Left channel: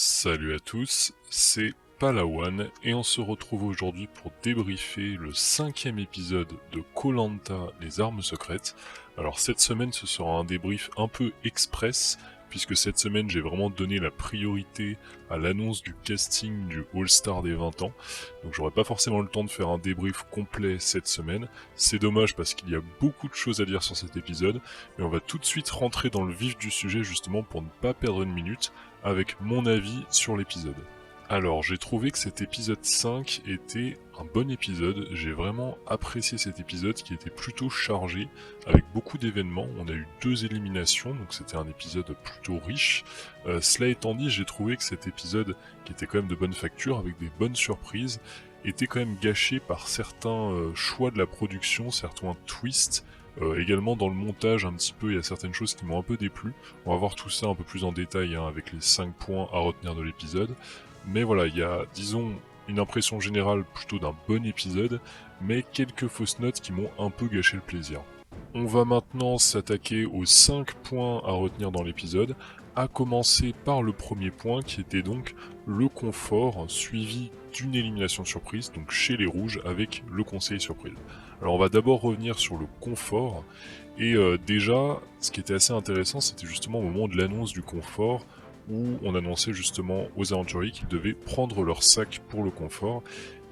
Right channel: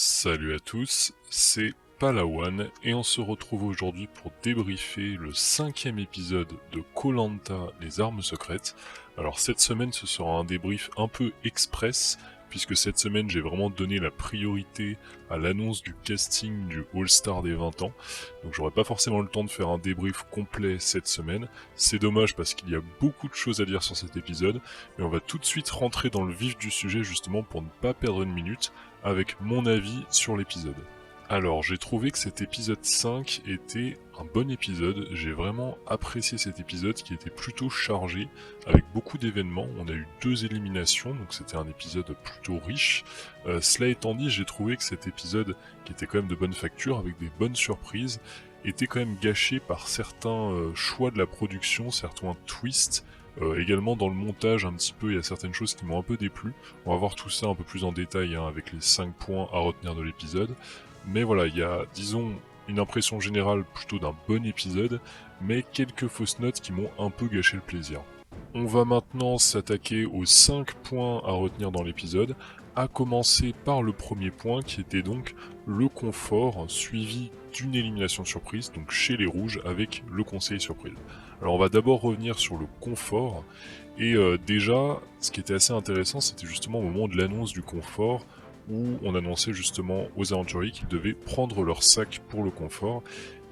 Salut à tous, c'est Palawan et on se retrouve aujourd'hui pour débriefer le 5e épisode de koh les armes secrètes. Alors cette semaine ce sera un débrief un peu express puisque cette semaine j'ai vraiment donné la priorité à l'annonce du casting du All-Star des 20 ans. Donc j'aurai pas forcément le temps de faire un débrief complet cette semaine. C'est dommage parce qu'il y a beaucoup de choses à dire sur cet épisode, mais on va tout de suite rentrer dans le vif du sujet justement pour ne pas perdre une minute avec mon avis sur l'épisode. Alors, j'ai trouvé que cet épisode 5 était un bon épisode, j'ai vraiment apprécié cet épisode qui était plutôt chargé, avec beaucoup d'événements, on a eu 2 éliminations, donc c'était un épisode plutôt riche. Cela étant dit, j'ai trouvé que cet épisode, qui était quand même de bonne facture, avec des bonnes surprises, était quand même gâché par certains choix de la production, certains twists. Également dans le montage un petit peu, il y a certaines choses qui m'ont un peu déplu. On va voir tout ça un peu plus en détail avec les 5 points à retenir de l'épisode. Mais voilà, il y a, disons, une impression générale plutôt d'un bon épisode, mais quelques fausses notes qui m'ont un peu gâché le plaisir. On va maintenant s'attaquer aux 5 points à retenir dans l'épisode, à commencer par le premier point qui était donc le confort suivi d'une élimination surprise, donc chez les rouges avec le conseiller surprise. Alors on va d'abord revenir sur le confort, et déjà ce qui était assez intéressant c'était justement au moment de l'annonce du confort, où on annonçait justement aux aventuriers qu'ils devaient prendre leur sac pour le confort,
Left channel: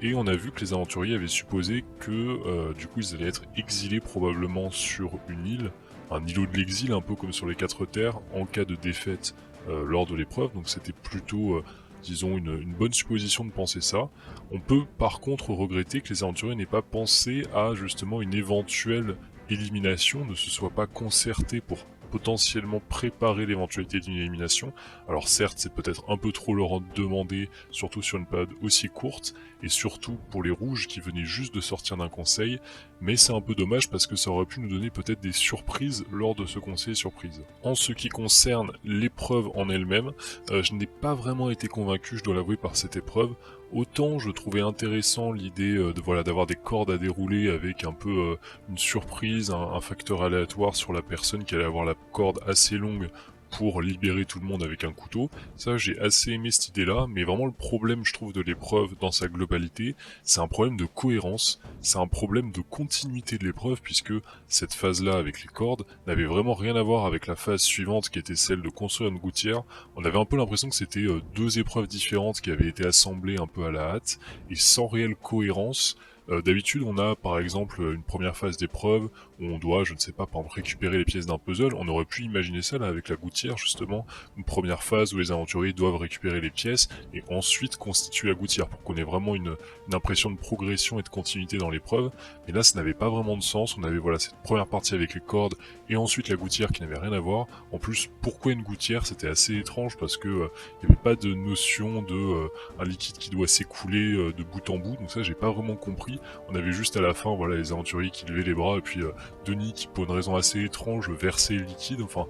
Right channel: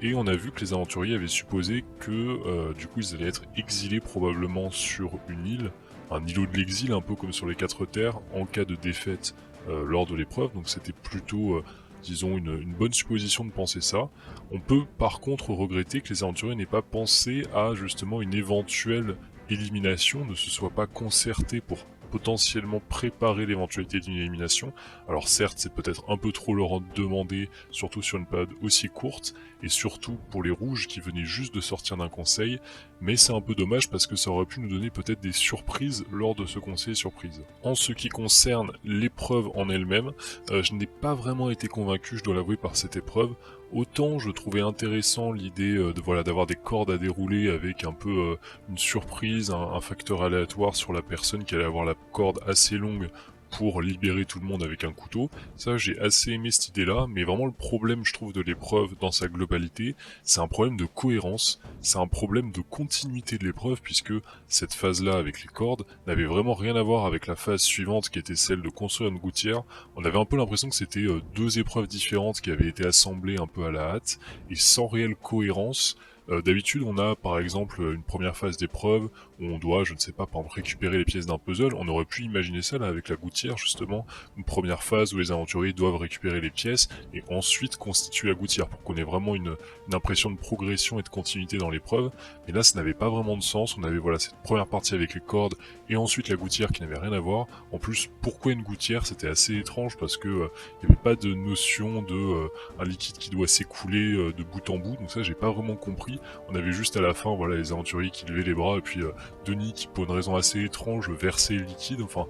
et on a vu que les aventuriers avaient supposé que du coup ils allaient être exilés probablement sur une île, un îlot de l'exil un peu comme sur les 4 terres, en cas de défaite lors de l'épreuve, donc c'était plutôt disons une bonne supposition de penser ça. On peut par contre regretter que les aventuriers n'aient pas pensé à justement une éventuelle élimination, ne se soient pas concertés pour potentiellement préparer l'éventualité d'une élimination. Alors certes, c'est peut-être un peu trop leur en demander, surtout sur une période aussi courte, et surtout pour les rouges qui venaient juste de sortir d'un conseil, mais c'est un peu dommage parce que ça aurait pu nous donner peut-être des surprises lors de ce conseil surprise. En ce qui concerne l'épreuve en elle-même, je n'ai pas vraiment été convaincu, je dois l'avouer, par cette épreuve. Autant je trouvais intéressant l'idée d'avoir des cordes à dérouler avec un peu une surprise, un facteur aléatoire sur la personne qui allait avoir la corde assez longue pour libérer tout le monde avec un couteau. Ça, j'ai assez aimé cette idée-là, mais vraiment le problème, je trouve, de l'épreuve dans sa globalité, c'est un problème de cohérence, c'est un problème de continuité de l'épreuve, puisque cette phase-là avec les cordes n'avait vraiment rien à voir avec la phase suivante qui était celle de construire une gouttière. On avait un peu l'impression que c'était 2 épreuves différentes qui avaient été assemblées un peu à la hâte, et sans réelle cohérence. D'habitude, on a par exemple une première phase d'épreuve où on doit, je ne sais pas, par exemple récupérer les pièces d'un puzzle. On aurait pu imaginer ça là avec la gouttière justement, une première phase où les aventuriers doivent récupérer les pièces et ensuite constituer la gouttière pour qu'on ait vraiment une impression de progression et de continuité dans l'épreuve. Mais là, ça n'avait pas vraiment de sens. On avait voilà cette première partie avec les cordes et ensuite la gouttière qui n'avait rien à voir. En plus, pourquoi une gouttière? C'était assez étrange parce que il n'y avait pas de notion de un liquide qui doit s'écouler de bout en bout. Donc ça, j'ai pas vraiment compris. On avait juste à la fin, voilà, les aventuriers qui levaient les bras et puis Denis qui, pour une raison assez étrange, versait le liquide. Enfin,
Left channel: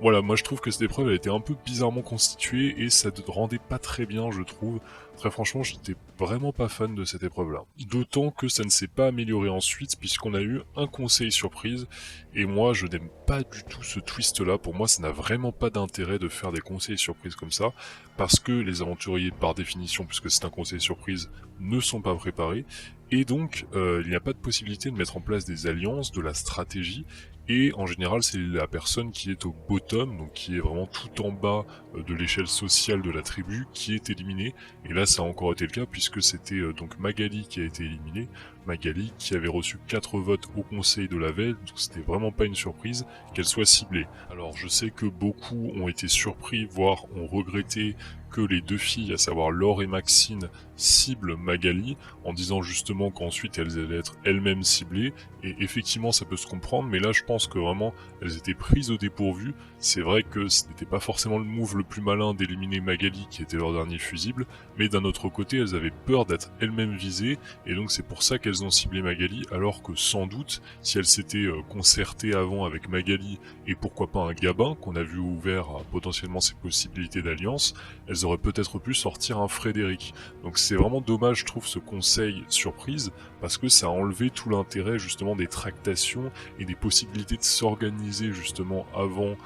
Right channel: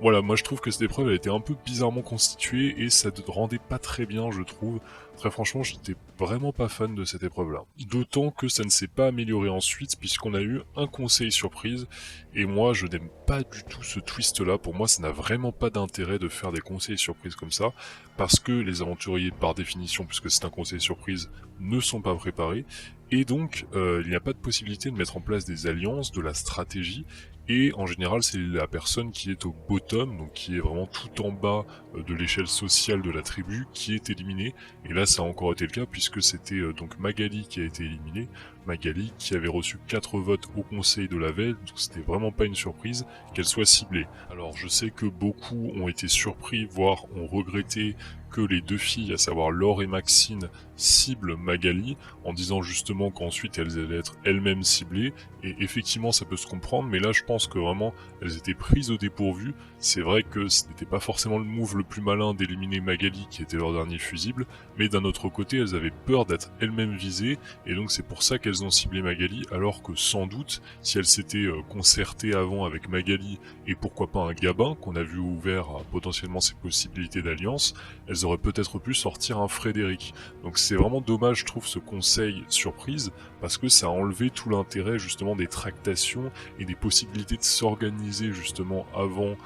voilà, moi je trouve que cette épreuve elle était un peu bizarrement constituée et ça ne rendait pas très bien, je trouve. Très franchement, j'étais vraiment pas fan de cette épreuve-là. D'autant que ça ne s'est pas amélioré ensuite puisqu'on a eu un conseil surprise et moi je n'aime pas du tout ce twist-là. Pour moi, ça n'a vraiment pas d'intérêt de faire des conseils surprises comme ça parce que les aventuriers, par définition, puisque c'est un conseil surprise, ne sont pas préparés et donc il n'y a pas de possibilité de mettre en place des alliances, de la stratégie. Et en général, c'est la personne qui est au bottom, donc qui est vraiment tout en bas de l'échelle sociale de la tribu, qui est éliminée. Et là, ça a encore été le cas, puisque c'était donc Magali qui a été éliminée. Magali qui avait reçu 4 votes au conseil de la veille, donc c'était vraiment pas une surprise qu'elle soit ciblée. Alors je sais que beaucoup ont été surpris, voire ont regretté que les 2 filles, à savoir Laure et Maxine, ciblent Magali, en disant justement qu'ensuite elles allaient être elles-mêmes ciblées, et effectivement ça peut se comprendre, mais là je pense que vraiment elles étaient prises au dépourvu. C'est vrai que ce n'était pas forcément le move le plus malin d'éliminer Magali qui était leur dernier fusible, mais d'un autre côté elles avaient peur d'être elles-mêmes visées, et donc c'est pour ça qu'elles ont ciblé Magali, alors que sans doute, si elles s'étaient concertées avant avec Magali, et pourquoi pas un Gabin, qu'on a vu ouvert à potentiellement ses possibilités d'alliance, elles elles auraient peut-être pu sortir un Frédéric. Donc c'est vraiment dommage, je trouve, ce conseil surprise, parce que ça a enlevé tout l'intérêt justement des tractations et des possibilités de s'organiser justement avant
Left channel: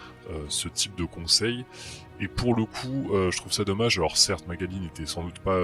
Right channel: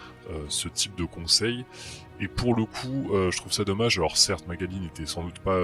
ce type de conseil. Et pour le coup, je trouve ça dommage. Alors certes, Magali n'était sans doute pas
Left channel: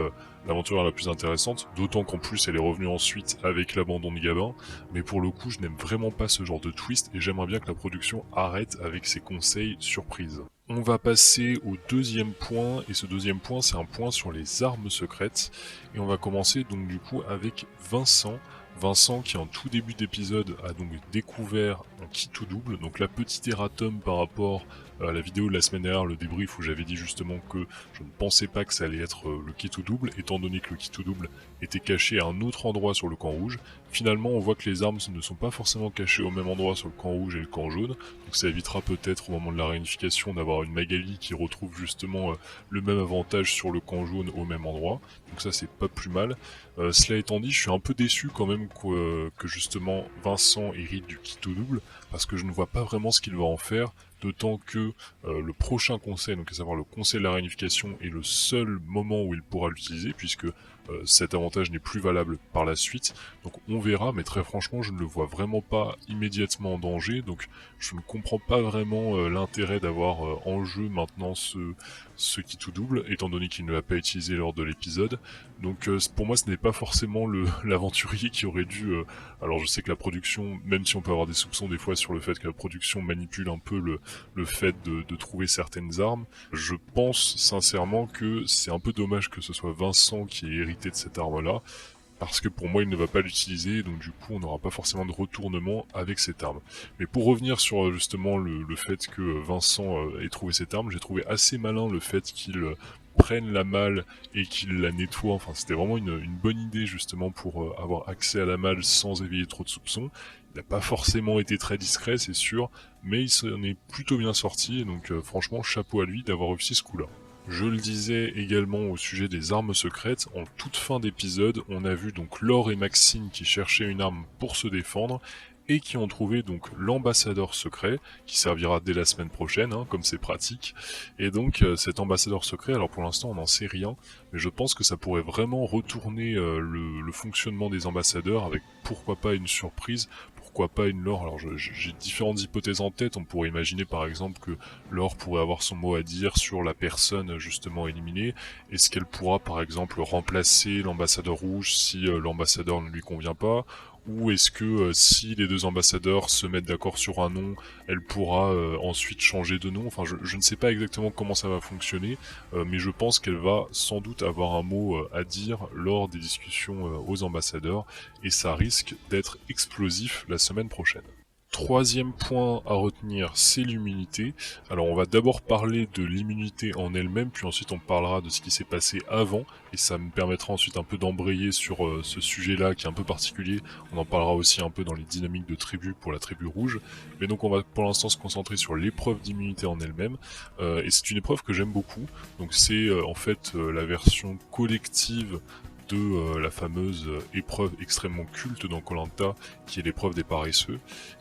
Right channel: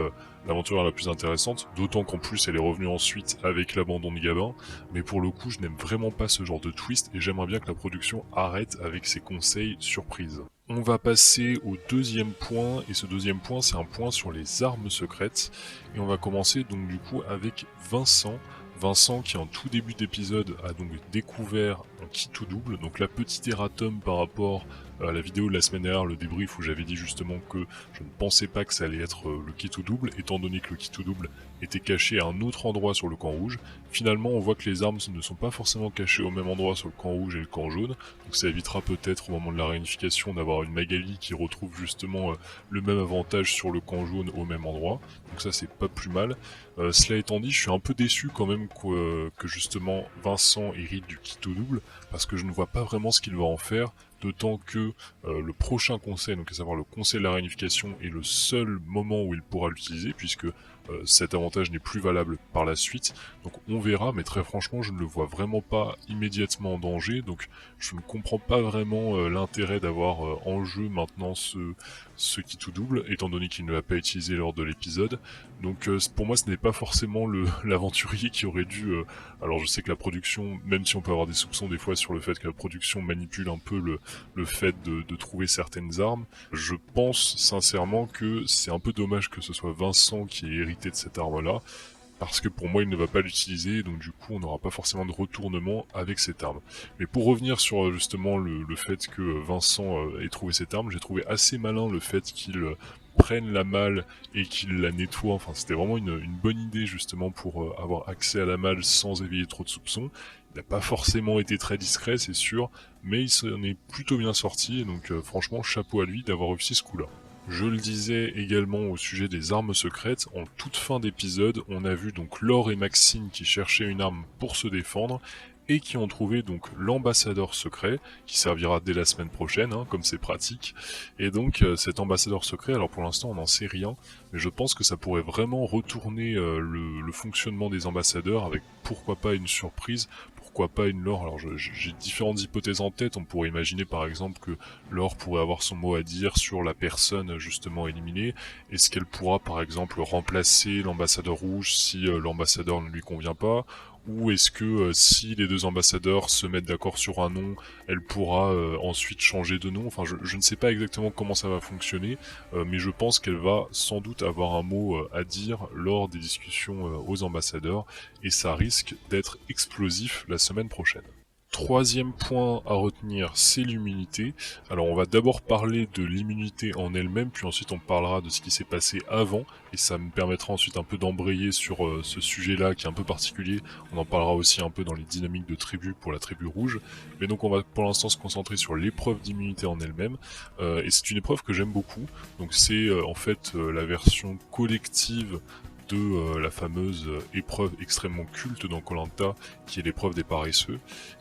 l'aventurière la plus intéressante, d'autant qu'en plus elle est revenue ensuite avec l'abandon de Gabin, mais pour le coup je n'aime vraiment pas ce genre de twist et j'aimerais bien que la production arrête avec ses conseils surprises. On va passer au deuxième point, et ce deuxième point c'est un point sur les armes secrètes, et on va commencer donc du coup avec Vincent. Vincent qui en tout début d'épisode a donc découvert un kit tout double, donc la petite erratum par rapport à la vidéo de la semaine dernière, le débrief où j'avais dit justement que je ne pensais pas que ça allait être le kit tout double, étant donné que le kit tout double était caché à un autre endroit sur le camp rouge. Finalement on voit que les armes ne sont pas forcément cachées au même endroit sur le camp rouge et le camp jaune, donc ça évitera peut-être au moment de la réunification d'avoir une Magali qui retrouve justement le même avantage sur le camp jaune au même endroit, donc ça c'est pas plus mal. Cela étant dit, je suis un peu déçu quand même que justement Vincent hérite du kit tout double, parce que je ne vois pas vraiment ce qu'il va en faire, d'autant que le prochain conseil, donc à savoir le conseil de la réunification, est le seul moment où il pourra l'utiliser, puisque cet avantage n'est plus valable par la suite, donc on verra, mais très franchement je ne le vois vraiment pas immédiatement en danger, donc je ne comprends pas vraiment l'intérêt d'avoir en jeu maintenant ce kit tout double, étant donné qu'il ne l'a pas utilisé lors de l'épisode. Donc pour moi ce n'est pas forcément l'aventurier qui aurait dû... alors je sais que la production, même si on peut avoir des soupçons des fois sur le fait que la production manipule un peu le fait de trouver certaines armes, je pense sincèrement que c'est un peu dommage que ce soit Vincent qui ait hérité de cette arme-là, parce que pour moi il ne va pas l'utiliser, donc du coup on n'aura pas forcément de retournement avec cette arme. Mais pour revenir sur justement le fait que Vincent ait trouvé cette arme, j'ai trouvé assez malin le fait qu'il prenne la malle et qu'il la nettoie, enfin c'était vraiment une bonne idée justement pour avoir accès à la malle sans éveiller trop de soupçons. Il n'a pas forcément été très discret c'est sûr, mais il s'en est plutôt bien sorti, et donc franchement chapeau à lui d'avoir réussi ce coup-là. Je le disais également au sujet des armes secrètes, en toute fin d'épisode, on a vu donc Laure et Maxine qui cherchaient une arme pour se défendre, et qui ont trouvé donc l'ambassadeur secret, qui servira dès la semaine prochaine, hein, comme c'est pratique. Et donc cet ambassadeur secret, alors pour l'instant on n'en sait rien, mais je pense que ça pourrait vraiment retourner le fonctionnement des ambassadeurs, avec pourquoi pas une surprise, pourquoi pas une Laure. Alors j'ai différentes hypothèses en tête, on pourrait imaginer par exemple que Laure pourrait avoir son mot à dire sur la personne justement éliminée. Est-ce qu'elle pourra par exemple remplacer l'ambassadeur rouge si l'ambassadeur ne lui convient pas? Ou est-ce que si les deux ambassadeurs se mettent d'accord sur un nom, elle pourra ensuite changer de nom? Enfin, je ne sais pas exactement comment ça va fonctionner, mais je pense qu'elle va sans doute avoir un mot à dire lors des discussions aux ambassadeurs, et ça risque d'être explosif la semaine prochaine. Troisième point à retenir, c'est l'immunité. Alors on va d'abord parler de l'immunité en elle-même, puis ensuite on parlera de ce qui s'est passé avant, et ça me permettra ensuite un peu d'embrayer sur ce sujet-là qui est un peu particulier. On en parlera aussi un peu dans les dynamiques de tribu pour la tribu rouge. Mais donc on va pour l'instant se concentrer sur l'épreuve d'immunité en elle-même, et c'est une épreuve que j'aime beaucoup. Donc c'est en fait la version collective de la fameuse épreuve extrêmement culte dans Koh-Lanta, qui est l'épreuve des paresseux.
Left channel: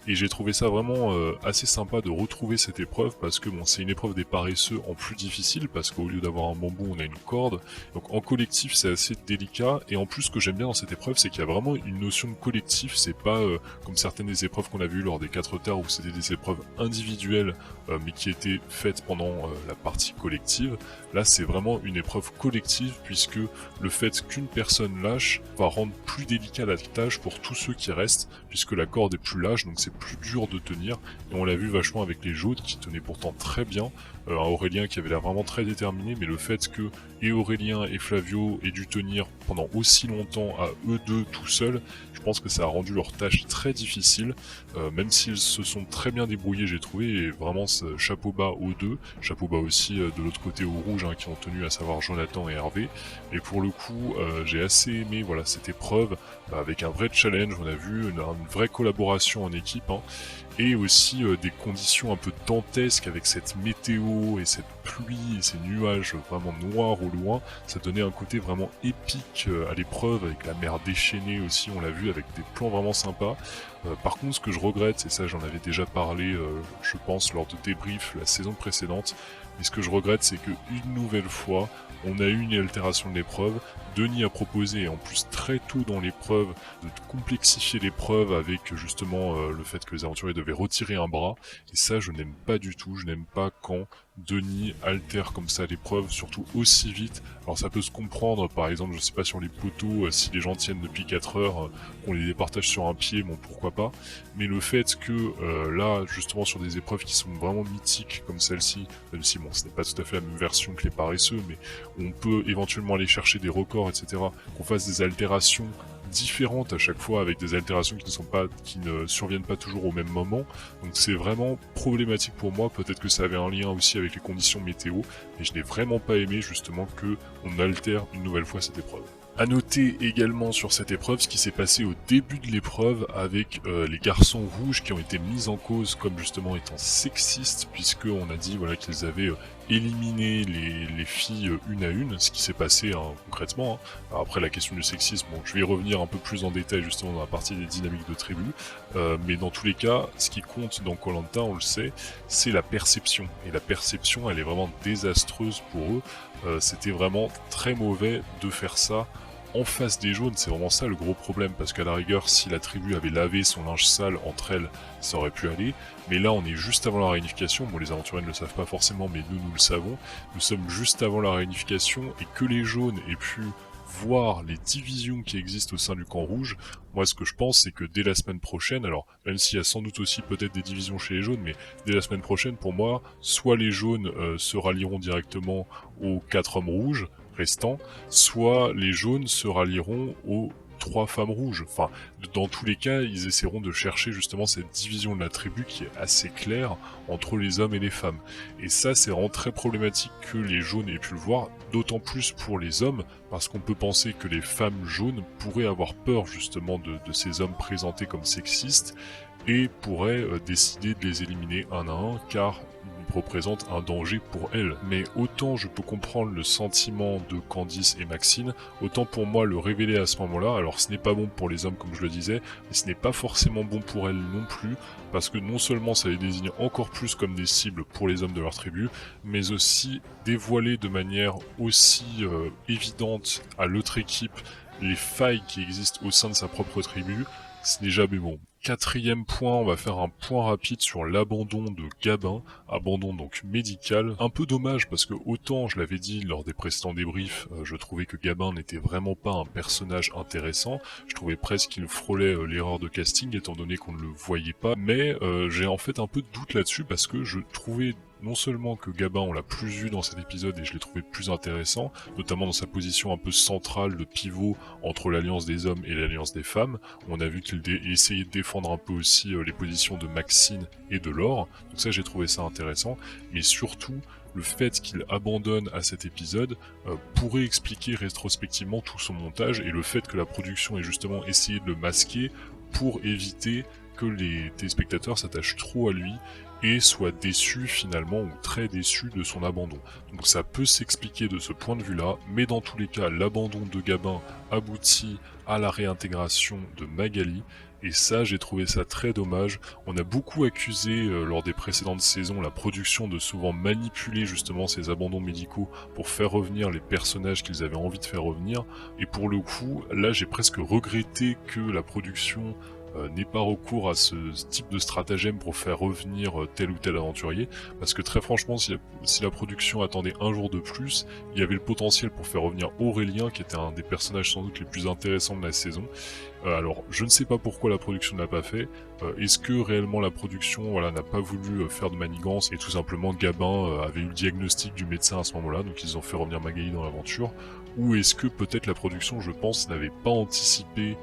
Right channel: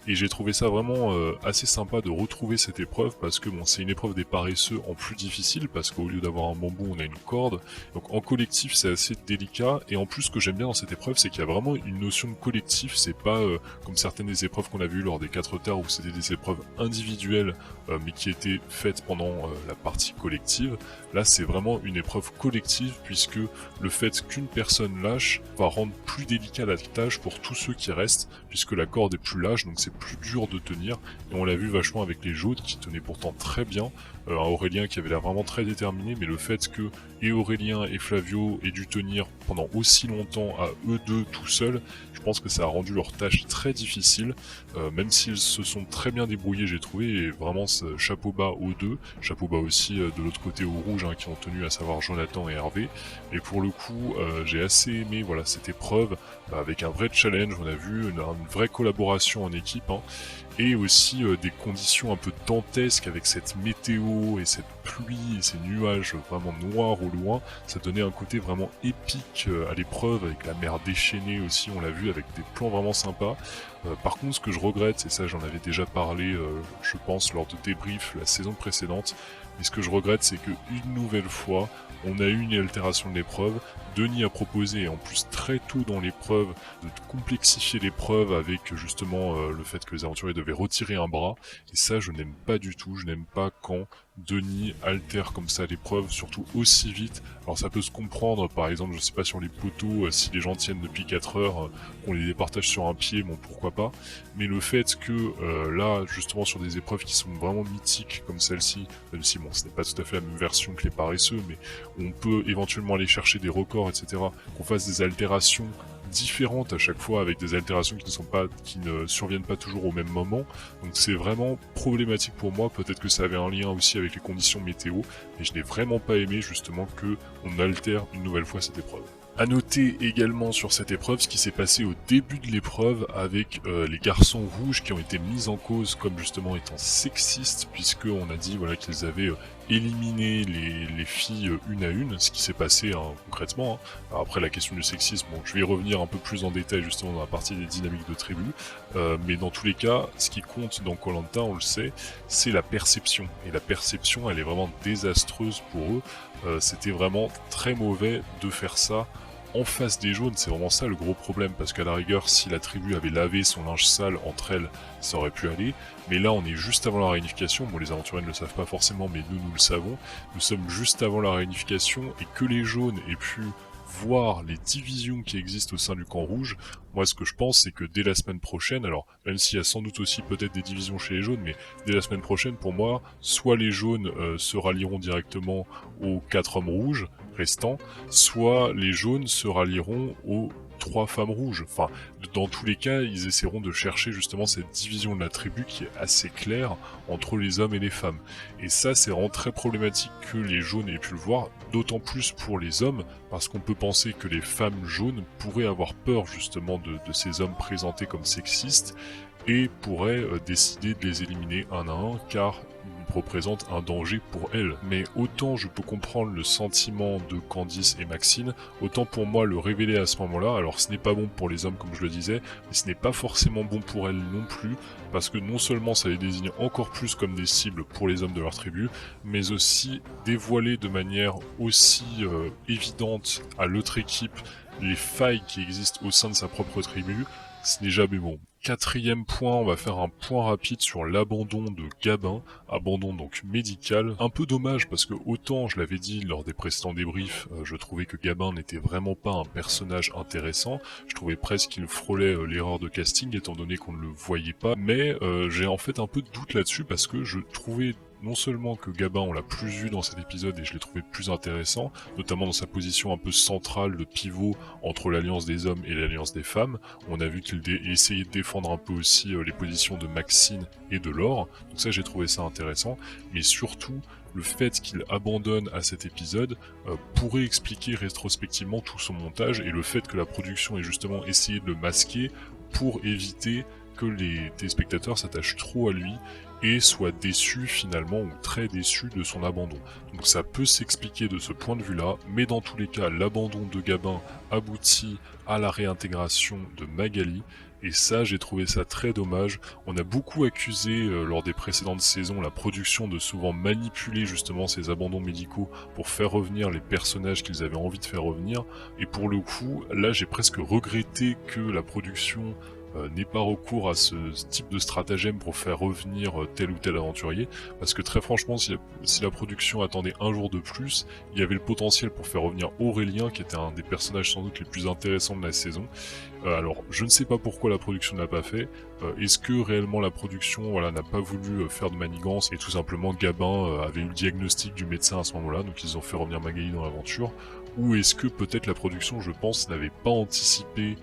Et j'ai trouvé ça vraiment assez sympa de retrouver cette épreuve, parce que bon, c'est une épreuve des paresseux en plus difficile, parce qu'au lieu d'avoir un bambou, on a une corde. Donc en collectif, c'est assez délicat. Et en plus, ce que j'aime bien dans cette épreuve, c'est qu'il y a vraiment une notion de collectif. C'est pas comme certaines des épreuves qu'on a vues lors des 4 terres, où c'était des épreuves individuelles, mais qui étaient faites pendant la partie collective. Là, c'est vraiment une épreuve collective, puisque le fait qu'une personne lâche va rendre plus délicat la tâche pour tous ceux qui restent, puisque la corde est plus lâche, donc c'est plus dur de tenir. Et on l'a vu vachement avec les jaunes qui tenaient pourtant très bien, un Aurélien qui avait l'air vraiment très déterminé, mais le fait que et Aurélien et Flavio aient dû tenir pendant aussi longtemps à eux deux tout seuls, je pense que ça a rendu leur tâche très difficile, même s'ils se sont très bien débrouillés, j'ai trouvé, et vraiment chapeau bas aux deux, chapeau bas aussi de l'autre côté aux rouges, hein, qui ont tenu, à savoir Jonathan et Hervé. Et pour le coup, j'ai assez aimé voilà, cette épreuve, avec un vrai challenge, on a vu une vraie collaboration en équipe, hein, et aussi des conditions un peu dantesques avec cette météo et cette pluie et ces nuages vraiment noirs au loin. Ça donnait un côté vraiment épique à l'épreuve, avec la mer déchaînée aussi, on l'a vu, avec des plans vraiment sympas. Par contre, ce que je regrette, et ça j'en avais déjà parlé, je pense, lors de débrief la saison précédente, mais ce que je regrette, c'est que une nouvelle fois, On a eu une altération de l'épreuve, Denis a proposé, en plus très tôt dans l'épreuve, de complexifier l'épreuve avec justement le fait que les aventuriers devaient retirer un bras, et ça je n'aime pas du tout, je n'aime pas quand Denis altère comme ça l'épreuve, surtout aussi vite. Alors ça peut se comprendre, par exemple, je sais pas, sur les poteaux, si les gens tiennent depuis 4 heures, qu'on les départage sur un pied, bon pourquoi pas, mais le fait que là, justement sur des épreuves qui sont vraiment mythiques comme celle-ci, même si bon, ce n'est pas tout à fait la même version que les paresseux, mais on peut éventuellement aller chercher des records, etc., qu'on fasse des altérations différentes à chaque fois, avec des altérations qui ne surviennent pas toujours au même moment. Donc c'est vraiment problématique pour moi. Peut-être que ça avait un lien aussi avec les conditions météo, mais je n'ai vraiment pas aimé justement que on altère une nouvelle fois cette épreuve. À noter également sur cette épreuve ce qui s'est passé au début de l'épreuve avec les garçons rouges qui ont été mis en cause comme justement étant sexistes, puisque on a dit voilà qu'ils avaient éliminé les filles une à une, ce qui s'est passé concrètement. Alors après la question du sexisme, bon, je vais y revenir un peu plus en détail justement dans la partie des dynamiques de tribu, mais dans tous les cas, ce qui compte dans Koh Lanta, on le sait, c'est la perception, et la perception elle est vraiment désastreuse pour eux. C'était vraiment très mauvais de faire ça en face des jaunes, c'est vraiment ça le gros problème, parce qu'à la rigueur, si la tribu avait lavé son linge sale entre elles, ça aurait pu aller, mais là on est juste avant la réunification, bon les aventuriers ne le savent pas forcément, mais nous le savons, nous sommes juste avant la réunification, et que les jaunes aient pu voir les divisions qui existent au sein du camp rouge, moi ce que je pense c'est que dès la semaine prochaine, alors même s'il y a sans doute aussi peut-être des divisions chez les jaunes, mais dès la semaine prochaine pour moi, soit les jaunes se rallieront directement aux 4 hommes rouges restants, soit les jaunes se rallieront aux 3 femmes rouges. Enfin, dans tous les cas, ils essaieront de chercher justement cette division de la tribu qui est assez claire entre les hommes et les femmes. Et ça, c'est vraiment très problématique que les jaunes aient pu le voir, d'autant plus pour les hommes, parce qu'on peut penser que les femmes jaunes pourraient avoir peur justement de ces hommes présentés comme sexistes, et pourraient décider de les éliminer un à un, car ils représentent un danger pour elles. Mais autant je peux comprendre le sentiment de Candice et Maxine, autant pour moi le révéler à ce moment-là, alors ce n'est pas bon pour les hommes comme je le disais, mais ce n'est pas forcément bon pour elles non plus, parce que non seulement ça les désigne encore plus comme des cibles pour les hommes de leur tribu, mais aussi dévoiler de manière aussi évidente à l'autre équipe les failles qui existent au sein de sa propre tribu, ce n'est jamais bon. Quatrième point, on va faire un point rapide sur l'abandon de Gabin, abandon donc médical. Un peu dommage parce que autant je l'avais dit lors des précédents débriefs, je trouvais que Gabin n'était vraiment pas un personnage intéressant, je trouvais presque qu'il frôlait l'erreur de casting étant donné qu'on ne le voyait pas, mais j'ai en fait un peu de doute là-dessus parce que je trouvais non seulement que Gabin on l'a plus vu dans cet épisode et je l'ai trouvé plus intéressant, notamment dans sa position un peu centrale de pivot entre l'alliance des hommes et l'alliance des femmes. On a vu qu'il essayait de défendre un peu aussi les positions de Maxine et de Laure, donc ça j'ai trouvé ça intéressant, mais surtout le fait qu'il abandonne à cet épisode pourrait expliquer rétrospectivement tout son montage et le fait que la production ait justement essayé de le masquer pour éviter que les téléspectateurs s'attachent trop à lui et soient déçus finalement ou très déçus de son abandon. Donc ça peut s'expliquer de ce point de vue-là, mais dans tous les cas, l'abandon de Gabin aboutit à la réintégration de Magali, et ça j'ai trouvé ça très dommage. On a beaucoup accusé lors des précédentes saisons la production de souvent manipuler justement ces abandons médicaux pour faire revenir les personnages qu'ils avaient envie de faire revenir, et pour le coup là j'ai presque regretté que la production n'ait pas recours à ce type de stratagème pour faire revenir tel ou tel aventurier, parce que très franchement si la production attendait un jour de plus, il y avait le potentiel pour faire revenir Aurélien qui était un des personnages sans doute les plus intéressants de la saison. Alors je ne sais pas pourquoi la production n'a pas fait, est-ce que réellement la production n'a pas voulu faire de manigance et tout simplement Gabin avait eu le diagnostic du médecin à ce moment là, donc ils ont fait revenir Magali dans l'aventure, ou est-ce que peut-être la production, je pense, n'avait pas anticipé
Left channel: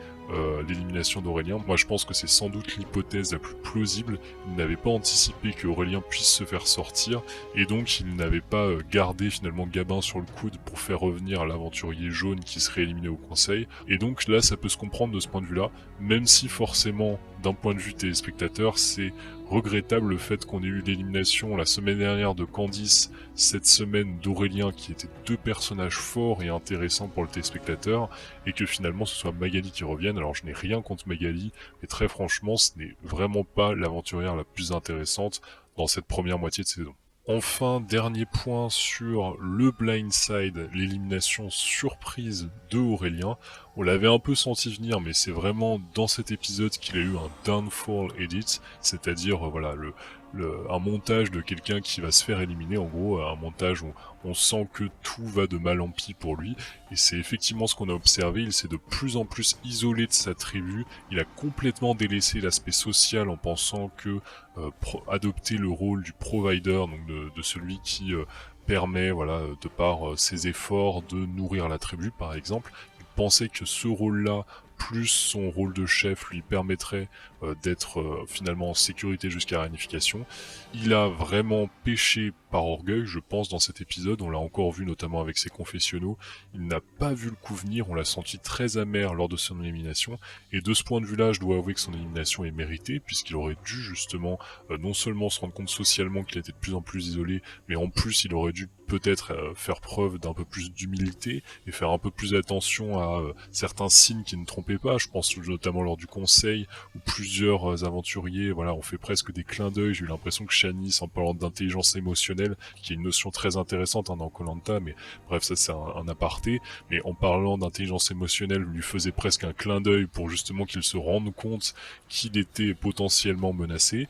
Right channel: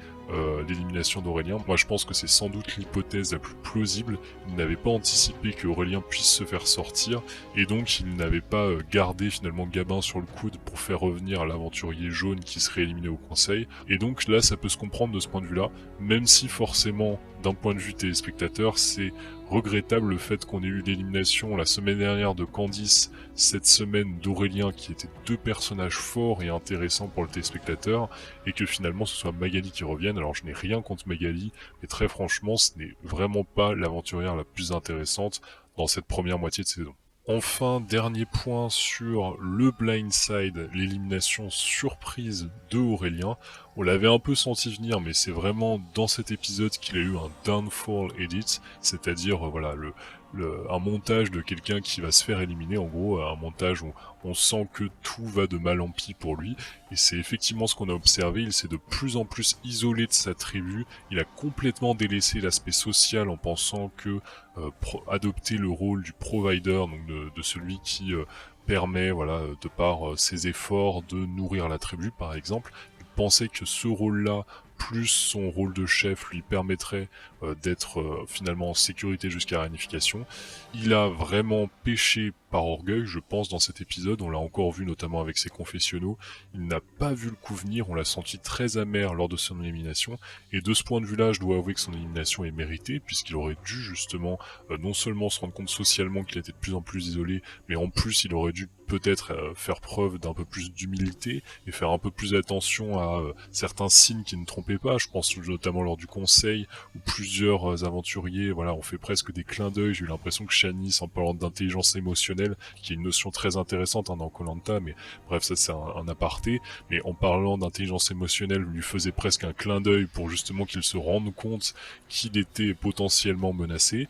l'élimination d'Aurélien. Moi je pense que c'est sans doute l'hypothèse la plus plausible. Il n'avait pas anticipé qu'Aurélien puisse se faire sortir et donc il n'avait pas gardé finalement Gabin sur le coude pour faire revenir l'aventurier jaune qui serait éliminé au conseil. Et donc là ça peut se comprendre de ce point de vue là, même si forcément d'un point de vue téléspectateur c'est regrettable le fait qu'on ait eu l'élimination la semaine dernière de Candice, cette semaine d'Aurélien, qui étaient deux personnages forts et intéressants pour le téléspectateur, et que finalement ce soit Magali qui revienne. Alors je n'ai rien contre Magali, mais très franchement ce n'est vraiment pas l'aventurière la plus intéressante dans cette première moitié de saison. Enfin, dernier point sur le blindside, l'élimination surprise de Aurélien. On l'avait un peu senti venir, mais c'est vraiment dans cet épisode qu'il a eu un downfall edit, c'est-à-dire un montage de quelqu'un qui va se faire éliminer, en gros un montage où on sent que tout va de mal en pis pour lui, et c'est effectivement ce qu'on a observé. Il s'est de plus en plus isolé de sa tribu, il a complètement délaissé l'aspect social en pensant que adopter le rôle du provider, donc de celui qui permet, voilà, de par ses efforts, de nourrir la tribu par exemple. Il pensait que ce rôle-là, plus son rôle de chef, lui permettrait d'être finalement en sécurité jusqu'à la réunification. Il a vraiment péché par orgueil, je pense, dans cet épisode. On l'a encore vu notamment avec ses confessionnaux. Il n'a pas vu le coup venir, on l'a senti très amer lors de son élimination. Et de ce point de vue-là, je dois avouer que son élimination est méritée, puisqu'il aurait dû justement non seulement se rendre compte socialement qu'il était de plus en plus isolé, mais en plus il aurait dû peut-être faire preuve d'un peu plus d'humilité et faire un peu plus attention à certains signes qui ne trompaient pas. Je pense notamment lors du conseil où plusieurs aventuriers, voilà, ont fait presque des clins d'œil. J'ai eu l'impression que Shanice, en parlant d'intelligence émotionnelle, qui est une notion très intéressante dans Koh-Lanta, mais bref, ça c'est un aparté, mais en parlant d'intelligence émotionnelle, lui faisait presque un clin d'œil pour justement qu'il se rende compte qu'il était potentiellement menacé,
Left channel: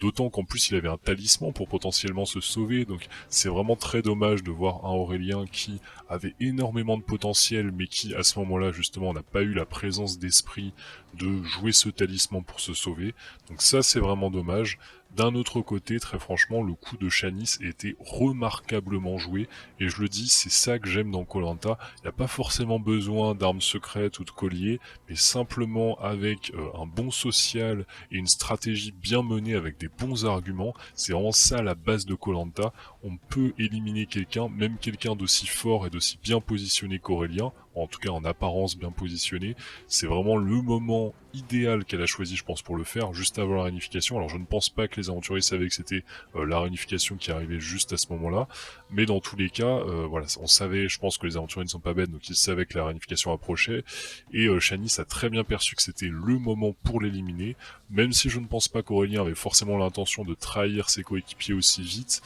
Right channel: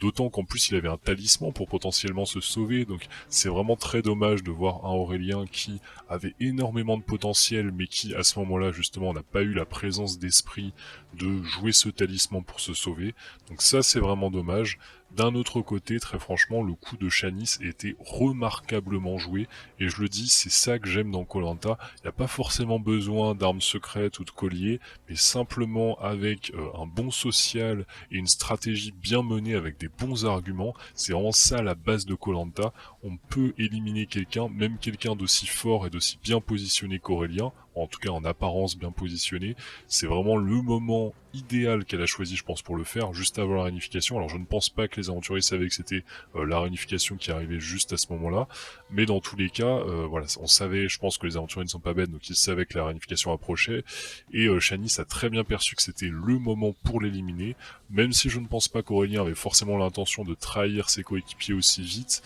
d'autant qu'en plus il avait un talisman pour potentiellement se sauver. Donc c'est vraiment très dommage de voir un Aurélien qui avait énormément de potentiel, mais qui à ce moment-là justement n'a pas eu la présence d'esprit de jouer ce talisman pour se sauver. Donc ça c'est vraiment dommage. D'un autre côté, très franchement, le coup de Shanice était remarquablement joué, et je le dis, c'est ça que j'aime dans Koh-Lanta. Il n'y a pas forcément besoin d'armes secrètes ou de colliers, mais simplement avec un bon social et une stratégie bien menée avec des bons arguments. C'est vraiment ça la base de Koh-Lanta. On peut éliminer quelqu'un, même quelqu'un d'aussi fort et d'aussi bien positionné qu'Aurélien, en tout cas en apparence bien positionné. C'est vraiment le moment idéal qu'elle a choisi, je pense, pour le faire, juste avant la réunification. Alors je ne pense pas que les aventuriers savaient que c'était la réunification qui arrivait juste à ce moment-là, mais dans tous les cas, voilà, on savait, je pense que les aventuriers ne sont pas bêtes, donc ils savaient que la réunification approchait, et Shanice a très bien perçu que c'était le moment pour l'éliminer, même si je ne pense pas qu'Aurélien avait forcément l'intention de trahir ses coéquipiers aussi vite.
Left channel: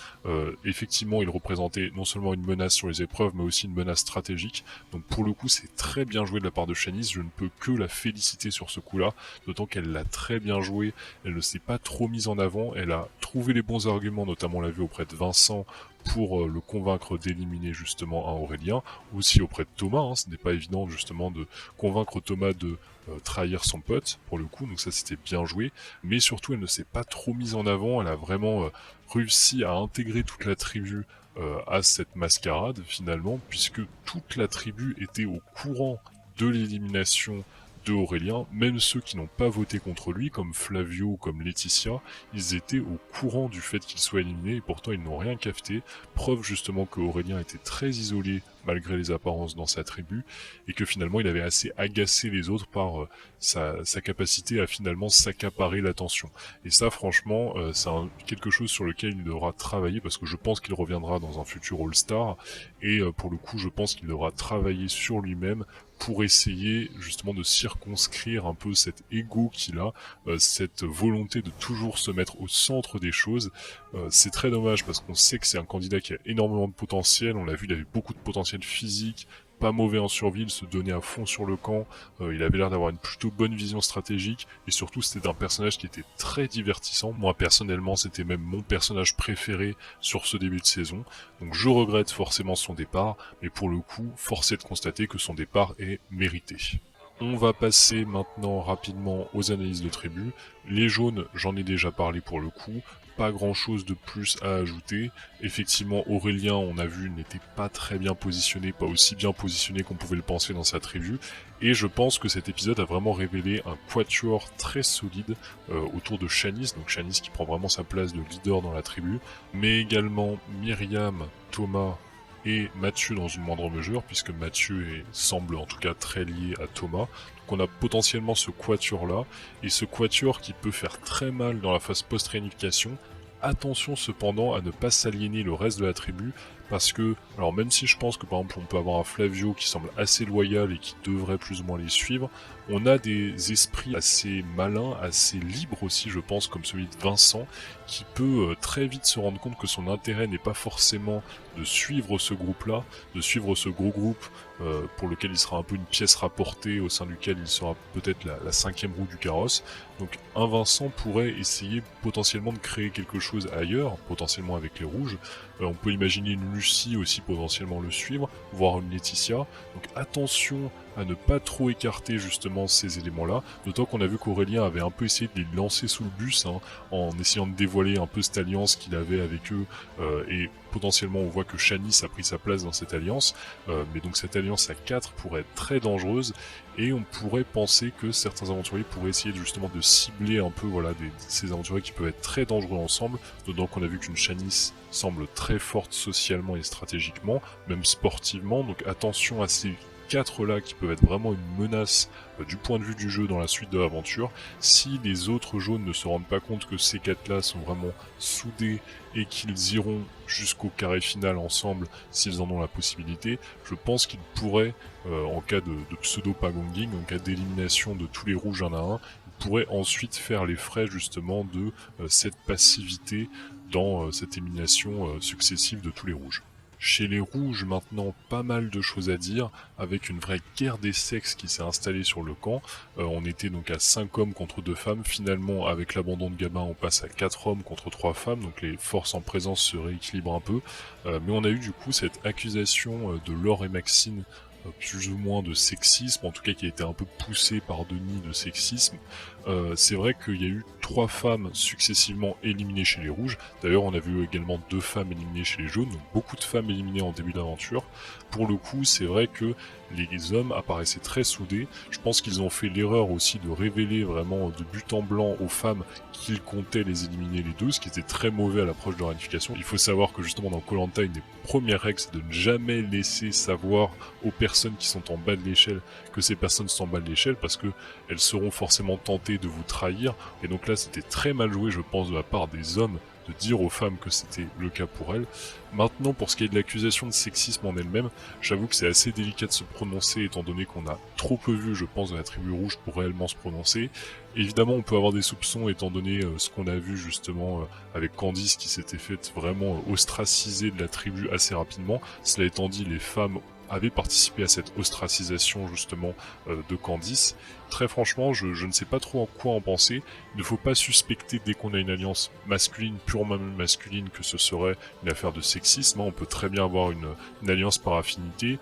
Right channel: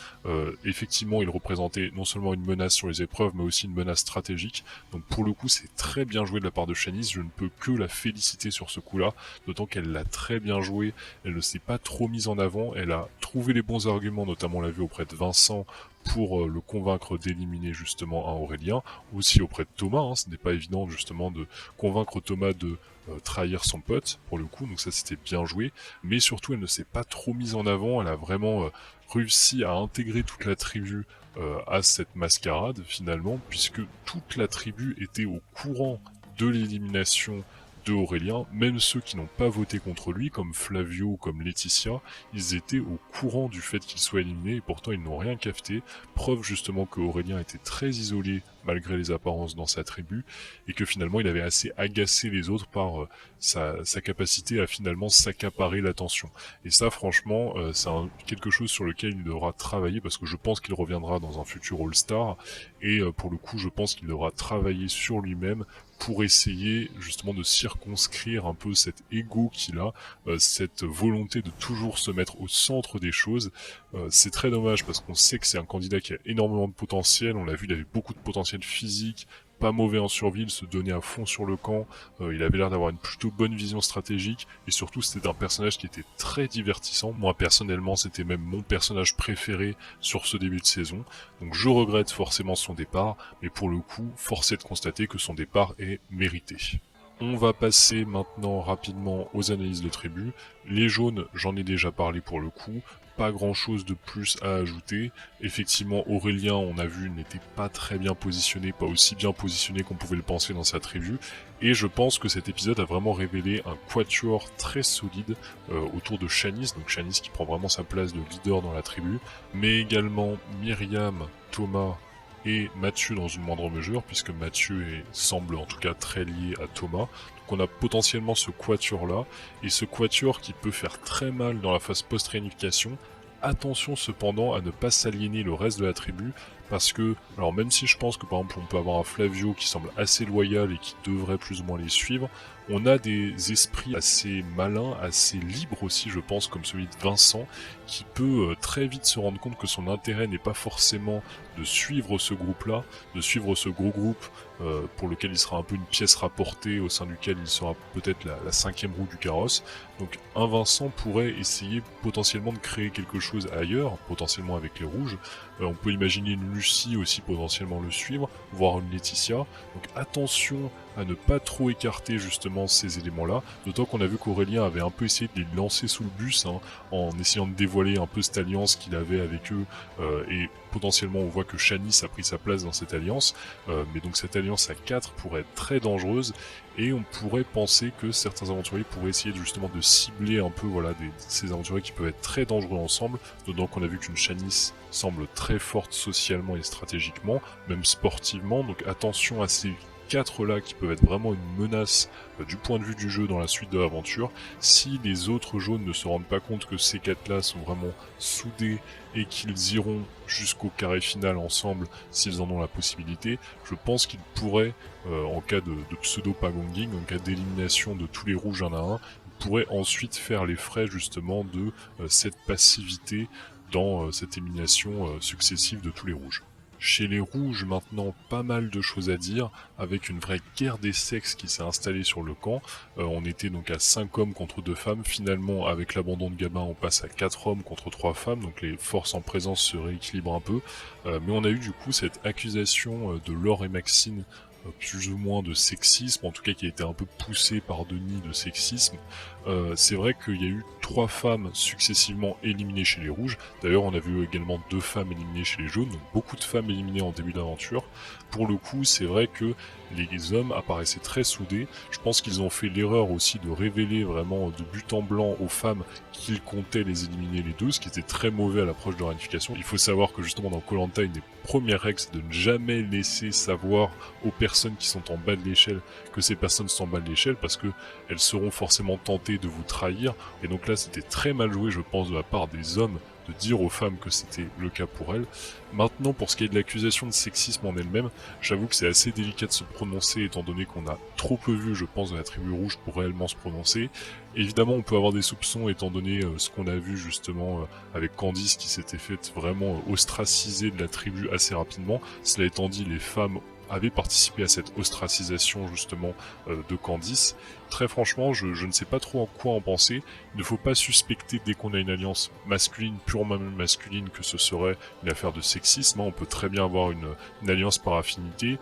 Effectivement, il représentait non seulement une menace sur les épreuves, mais aussi une menace stratégique. Donc pour le coup, c'est très bien joué de la part de Shanice. Je ne peux que la féliciter sur ce coup-là, d'autant qu'elle l'a très bien joué. Elle ne s'est pas trop mise en avant. Elle a trouvé les bons arguments, notamment on l'a vu auprès de Vincent, pour le convaincre d'éliminer justement un Aurélien, aussi auprès de Thomas. Hein. Ce n'est pas évident justement de convaincre Thomas de trahir son pote pour le coup, donc ça c'était bien joué. Mais surtout, elle ne s'est pas trop mise en avant. Elle a vraiment réussi à intégrer toute la tribu à cette mascarade finalement, puisque toute la tribu était au courant de l'élimination de Aurélien. Même ceux qui n'ont pas voté contre lui, comme Flavio ou comme Laetitia, ils étaient au courant du fait qu'il soit éliminé, et pourtant ils n'ont rien cafeté. Preuve justement que Aurélien était très isolé malgré les apparences dans sa tribu, et que finalement il avait assez agacé les autres par sa capacité à finalement s'accaparer l'attention. Et ça franchement, c'est quelque chose sur lequel il devra travailler, parce que je pense qu'il reviendra dans un futur All-Star, et pour le coup je pense qu'il devra travailler sur lui-même pour essayer justement de circonscrire un peu cet ego qu'il a, cette volonté de toujours se mettre au centre des choses. C'est très dommage parce qu'on sait que c'est un candidat qui a énormément de potentiel, on l'a vu, il avait beaucoup de potentiel physique, pas mauvais en survie, il se donnait à fond sur le camp, il avait l'air d'avoir une plutôt bonne vision stratégique, et surtout c'était un personnage qui était très divertissant. Moi personnellement c'était même mon personnage préféré sur ce début de saison, donc je regrette forcément son départ, mais pour le coup, force est de constater que son départ est mérité. On va passer maintenant rapidement aux analyses des tribus. Les jaunes, j'en ai déjà parlé pour le coup, pas grand chose de plus à ajouter. Effectivement, Aurélien, on a vu, n'était pas très bien positionné, pas aussi bien positionné qu'on pouvait le penser dans sa tribu. Et je pense que cet épisode a vraiment révélé un quatuor très solide autour de Shanice, donc Shanice qui prend vraiment sa place de leader dans la tribu, mais également Myriam, Thomas et Mathieu dans une moindre mesure, puisque Mathieu semble en tout cas très lié à Thomas. Donc on a potentiellement ce quatuor là, et ce quatuor qui peut faire très mal dans la phase post-réunification. Attention cependant à ne pas s'aliéner le reste de la tribu, parce que, alors même si je pense que par exemple on peut avoir un Flavio qui semble assez loyal et qui devrait plus ou moins les suivre, on a des esprits assez malins, assez libres aussi je pense, comme celui de Vincent, qui peut très vite se rendre compte que son intérêt n'est pas forcément de suivre ce groupe-là, de suivre ce gros groupe pour lequel il sera un peu une pièce rapportée, au sein duquel il sera peut-être la cinquième roue du carrosse. Donc un Vincent pourrait essayer potentiellement de créer quelque chose ailleurs, potentiellement avec les rouges. On peut imaginer une Lucie aussi potentiellement le suivre, voire une Laetitia. Donc attention à ne pas trop écarter justement ces éléments-là, d'autant qu'on a vu qu'Aurélien avait un peu essayé de les lancer sous le bus, en essayant de dévoiler un peu cette alliance qu'il avait avec eux, et potentiellement on voit que Shanice a pris sa place dans cette alliance, mais donc cette alliance à 4 pourrait être très dangereuse, et on pourrait penser que certains aventuriers pourraient essayer justement de cibler un peu ces aventuriers qui peuvent être très dangereux ensemble, d'autant qu'on a vu qu'une Shanice semble très forte socialement et stratégiquement, même sportivement, donc attention à ces 4 là qui peuvent être vraiment une menace du point de vue du jeu dans la suite de l'aventure. Si les autres jaunes ne se rendent pas compte que ces 4 là sont vraiment soudés et qu'ils iront jusqu'au carré final ensemble s'ils en ont la possibilité, je pense qu'ils pourraient, en cas de pseudo-pagonging, en cas d'élimination de tous les rouges un à un, pourraient ensuite faire les frais justement de cette passivité dans cette élimination successive de tous les rouges. Chez les rouges maintenant, pas mal de choses à dire, avec une vraie guerre des sexes qui s'est installée sur le camp. On était donc à 5 hommes contre 2 femmes, finalement avec l'abandon de Gamma on passe à 4 hommes contre 3 femmes, donc les forces en présence se rééquilibrent un peu. Mais on a eu du coup cette accusation de Laure et Maxime, plus ou moins de sexisme, en tout cas qui a été un peu poussée par Denis de sexisme. C'est vrai qu'il y a eu 3 femmes successivement éliminées chez les rouges, d'ailleurs on a vu également 2 femmes éliminées chez les jaunes, donc beaucoup de femmes éliminées en début d'aventure. Pour le coup, c'est vrai que les hommes apparaissaient très soudés. Je pense qu'ils ont fait l'erreur aussi de révéler vraiment de but en blanc aux femmes qu'ils comptaient les éliminer les 12, ce qui était très mauvais à l'approche de leur unification. Il faut savoir que justement dans Koh Lanta, une des premières règles, c'est de ne jamais laisser savoir aux personnes qui sont en bas de l'échelle que ces personnes sont en bas de l'échelle, parce que elles seront forcément tentées de vous trahir. Et donc là, c'était très mal joué, je pense, de la part des hommes de dire aux femmes que c'était le cas pour elles. Maintenant, pour ce qui est de l'accusation de sexisme en elle-même, j'avoue que c'est assez délicat de s'en prononcer, étant donné qu'on a trop peu vu, je pense, de la tribu rouge pour réellement se prononcer. Évidemment, on peut avoir des soupçons, étant donné ce qu'on a vu justement avec Candice qui s'était fait vraiment ostraciser de la tribu assez rapidement. Cela étant dit, les femmes avaient participé à cette ostracisation justement de Candice. Très franchement, je ne sais pas trop quoi en penser. Il ne faut pas suspecter dès qu'on a une alliance masculine, purement masculine, que ce serait une affaire de sexisme. On peut très bien avoir une alliance par affinité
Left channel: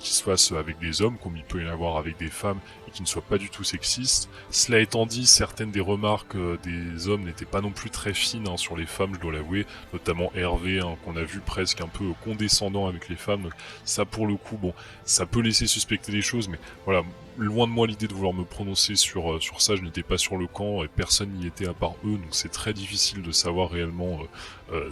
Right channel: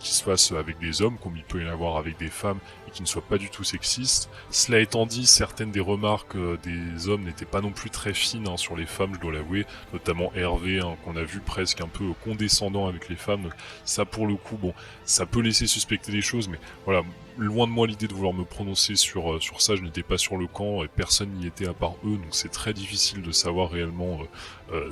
qui se fasse avec les hommes, comme il peut y en avoir avec des femmes, et qui ne soit pas du tout sexiste. Cela étant dit, certaines des remarques des hommes n'étaient pas non plus très fines sur les femmes, je dois l'avouer, notamment Hervé, qu'on a vu presque un peu condescendant avec les femmes. Ça, pour le coup, bon, ça peut laisser suspecter des choses, mais voilà, loin de moi l'idée de vouloir me prononcer sur ça, je n'étais pas sur le camp et personne n'y était à part eux, donc c'est très difficile de savoir réellement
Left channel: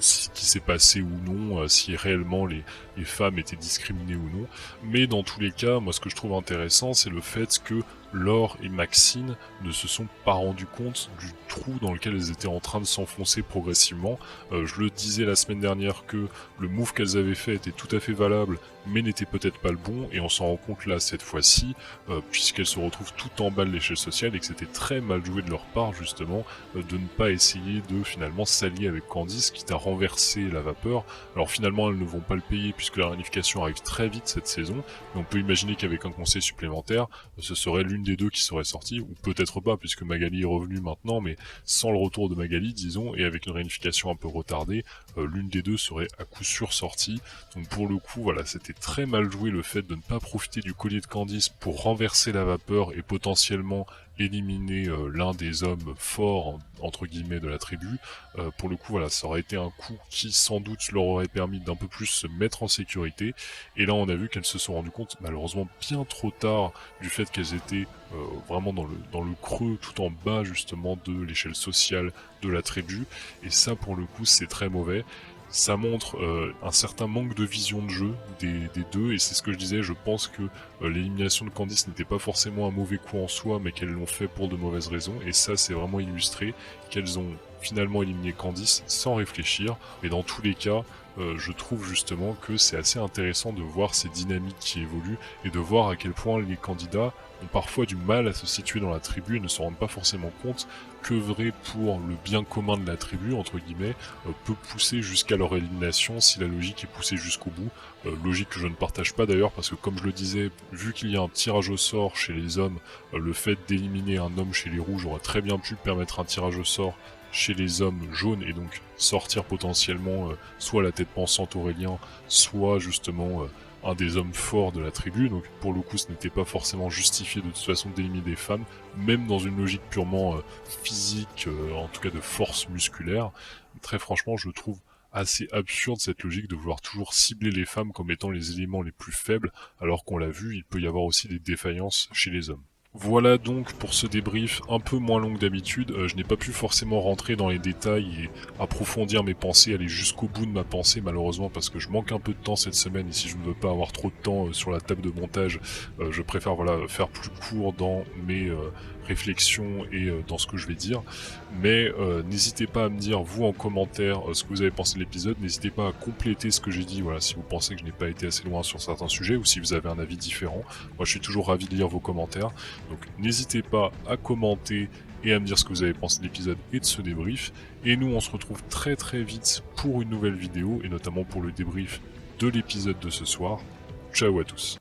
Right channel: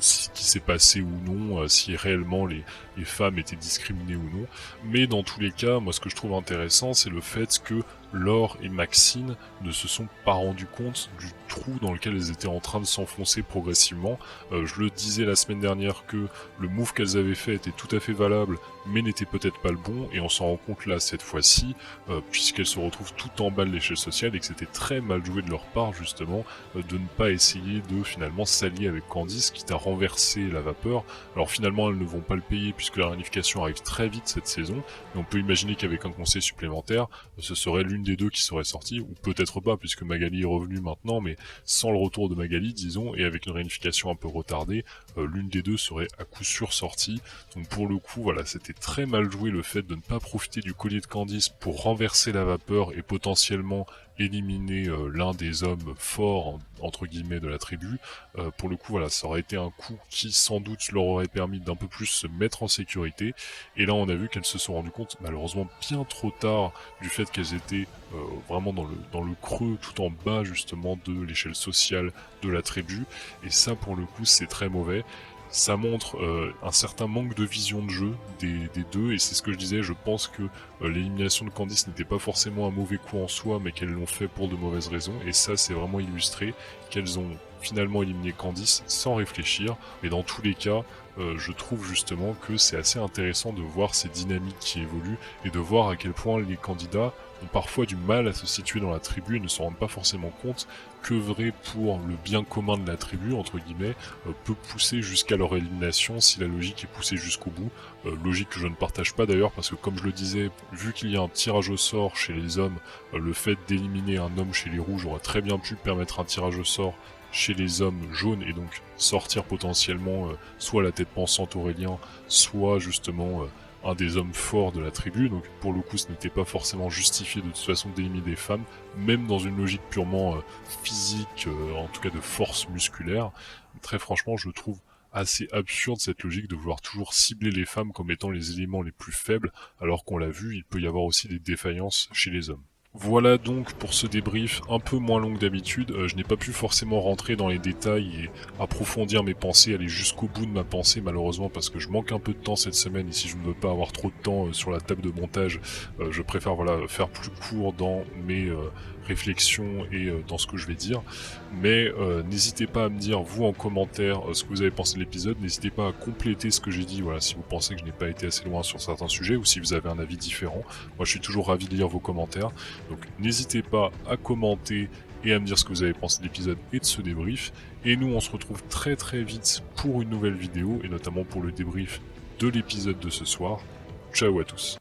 ce qui s'est passé ou non, si réellement les femmes étaient discriminées ou non. Mais dans tous les cas, moi ce que je trouve intéressant, c'est le fait que Laure et Maxine ne se sont pas rendus compte du trou dans lequel elles étaient en train de s'enfoncer progressivement. Je le disais la semaine dernière que le move qu'elles avaient fait était tout à fait valable, mais n'était peut-être pas le bon, et on s'en rend compte là cette fois-ci, puisqu'elles se retrouvent tout en bas de l'échelle sociale, et que c'était très mal joué de leur part justement de ne pas essayer de finalement s'allier avec Candice, quitte à renverser la vapeur. Alors finalement elles ne vont pas le payer puisque la réunification arrive très vite cette saison, on peut imaginer qu'avec un conseil supplémentaire, ce serait l'une des deux qui serait sortie, ou peut-être pas puisque Magali est revenue maintenant, mais sans le retour de Magali disons, et avec une réunification un peu retardée, l'une des deux serait à coup sûr sortie. Donc pour le coup, voilà, c'était très mal joué le fait de ne pas profiter du collier de Candice pour renverser la vapeur et potentiellement éliminer l'un des hommes forts entre guillemets de la tribu. Pour le coup, voilà, ça aurait été un coup qui sans doute leur aurait permis d'un peu plus se mettre en sécurité. Et là, on a vu qu'elles se sont rendues compte, malheureusement bien trop tard, du fait qu'elles étaient vraiment dans le creux, tout en bas justement de l'échelle sociale de la tribu. Et ça, pour le coup, c'est très mauvais. Ça montre un certain manque de vision de jeu des deux, et c'est ce que je disais, je pense que l'élimination de Candice n'était pas forcément un mauvais coup en soi, mais qu'elles l'ont fait pour de mauvaises raisons, et ça c'est vraiment illustré, qu'elles ont finalement éliminé Candice sans réfléchir, mais dans tous les cas, je trouve justement que c'est assez intéressant de voir ces dynamiques qui évoluent et de voir à quel point les candidats ont parfois du mal à se situer dans la tribu et ne se rendent pas forcément compte que vrai pour le bien commun de la tribu, entre guillemets, peut pousser jusqu'à leur élimination si la logique est poussée jusqu'au bout. Logique que je ne partage pas d'ailleurs parce que comme je le disais, vu qu'il y a un tirage au sort chez les hommes, le fait d'éliminer un homme chez les rouges aurait très bien pu permettre un tirage au sort chez les hommes jaunes et donc sortir potentiellement soit la tête pensante Aurélien, soit justement un des hommes forts de la tribu. Donc pour le coup ce n'était pas forcément justifié de toute façon d'éliminer des femmes, même dans une logique purement physique, en tout cas de force musculaire. Très franchement je trouve assez absurde cette logique de vouloir toujours cibler les femmes comme étant les éléments les plus faibles, alors qu'on l'a vu, il peut y avoir aussi des défaillances chez les hommes. Voilà donc pour ce débrief un peu moins long que d'habitude. Je n'ai pas pu forcément rentrer dans les détails et approfondir mes pensées, aller jusqu'au bout de ma pensée malheureusement parce que je manque un peu de temps cette semaine et si je ne veux pas avoir trop de temps sur la table de montage, je préfère faire plus court dans mes réflexions et dans ce que je vais dire. Mais n'hésitez pas à me dire vous en commentaire ce que vous avez pensé de l'épisode, n'hésitez pas à compléter ce que j'ai dit, voilà, si vous pensez que je n'ai pas été assez loin sur certains sujets ou si vous avez un avis différent. Moi je suis toujours ravi de lire vos commentaires. N'hésitez pas à commenter et à me dire ce que vous avez pensé de l'épisode et de ce débrief. Et nous on se retrouve très très vite pour une nouvelle vidéo et notamment pour le débrief de l'épisode de ce soir. Ciao à tous.